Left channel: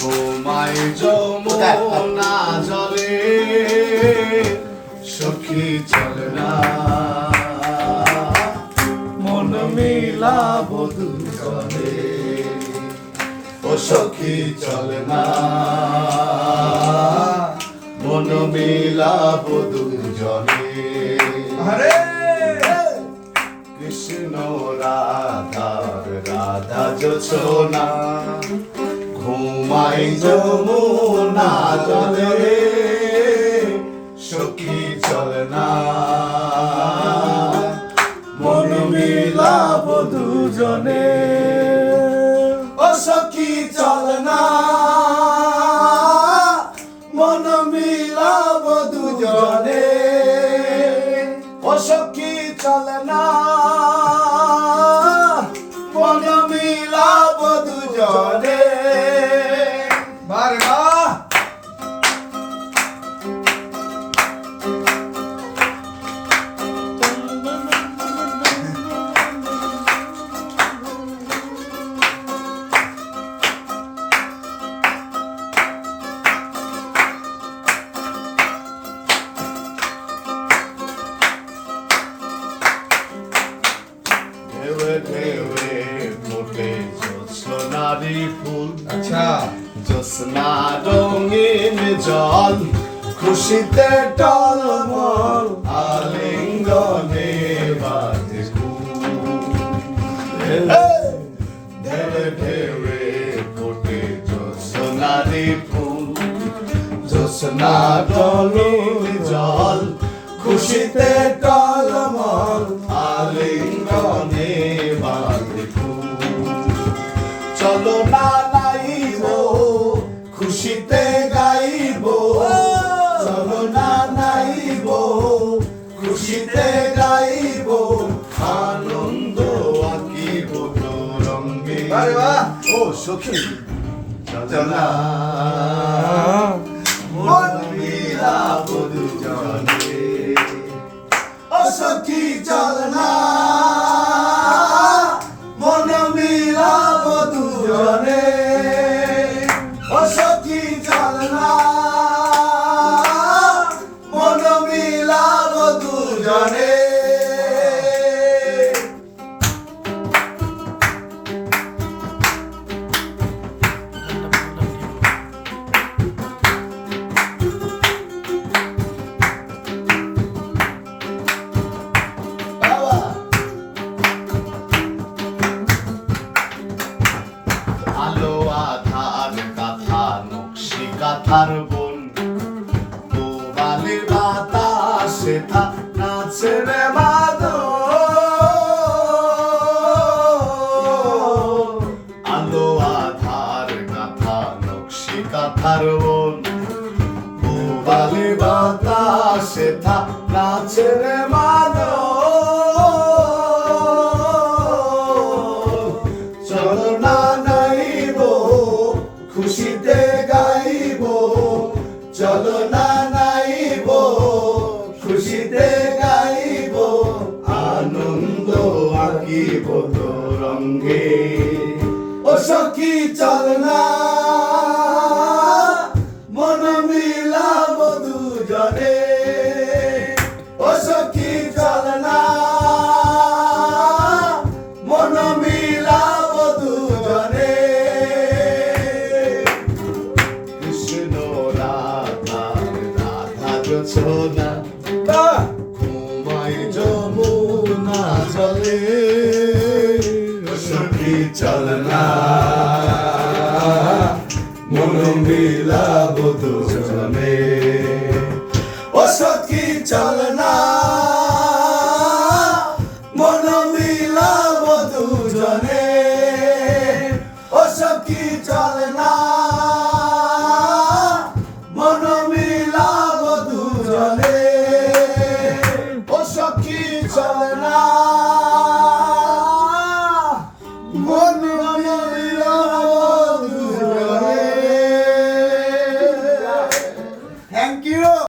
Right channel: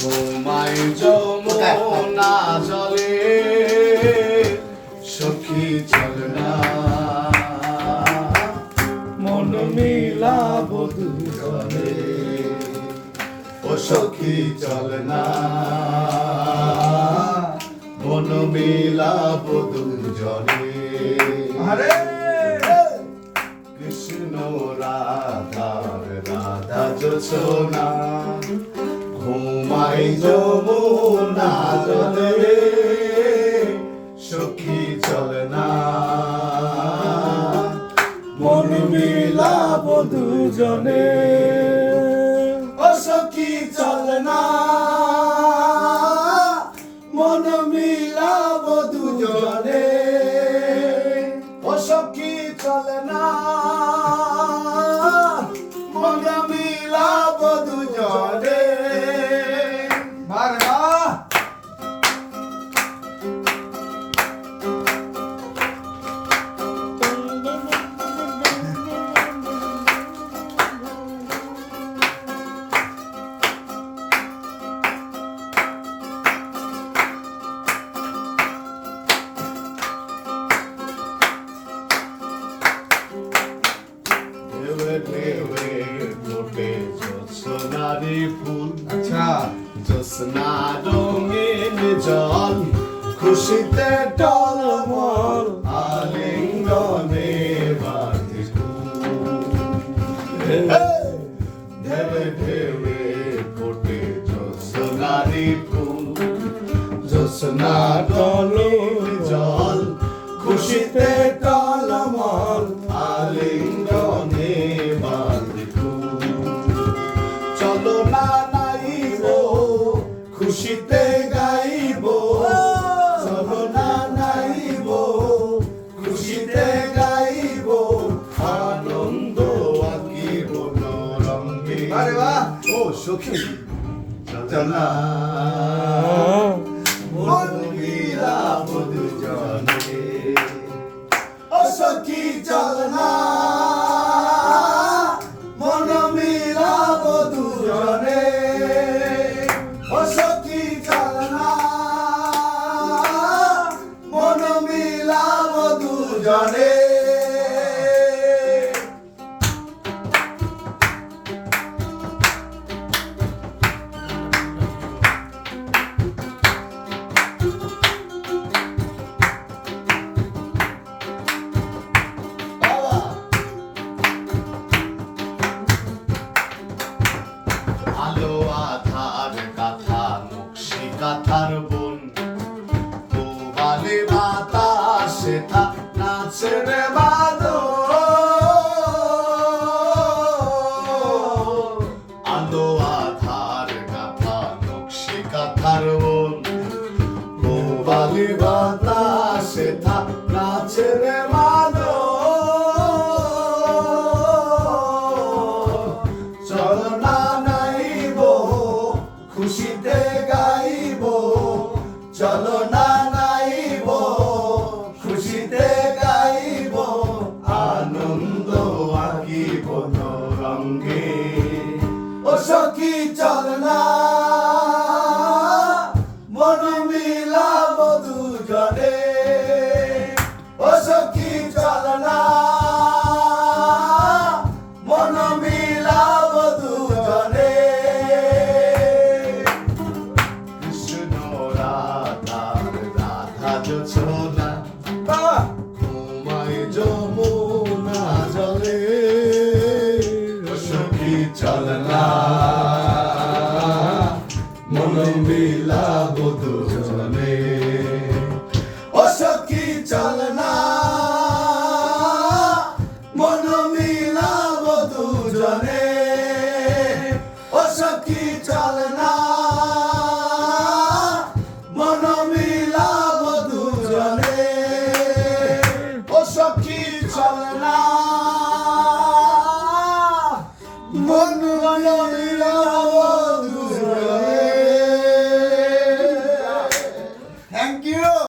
ঘুমাই যমুনা জলে সখী চল না। মন মিলাব দুজনে ও সখী চল না। মন মিলাব দুজনে। আরে কৃষ্ণ রাধার রাধা যোছনা ঘুমাই যমুনা জলে সখী চল না। মন মিলাব দুজনে। জ্যোৎস্না রঙিন জল, খুশিতে টলমল আলিঙ্গনে বাজে ঢেউয়ে ঢেউয়ে ফোটে জ্যোৎস্নারি ফুল। জ্যোৎস্না রঙিন জল, খুশিতে টলমল আলিঙ্গনে বাজে চলো না খুশিতে গাইব আনন্দ আঁকিব রঙ্গে! ও সখী চলো মন মিলাব দুজনে। ও সখী চল নকশি বোন। গোবালে বাতাসে থা নাচে রে বাদো। আলো আধার কাথা নকশি কাথার বোন। গোবালে বাতাসে থা তো রঙ্গে ও সখী চল না। মন মিলাব দুজনে ও সখী চল না। মন মিলাব দুজনে কৃষ্ণ রাধা রাধা যোছনা বাহ ঘুমায় যমুনা সখী চল না মন মিলাব দুজনে ও সখী চল মন মিলাব দুজনে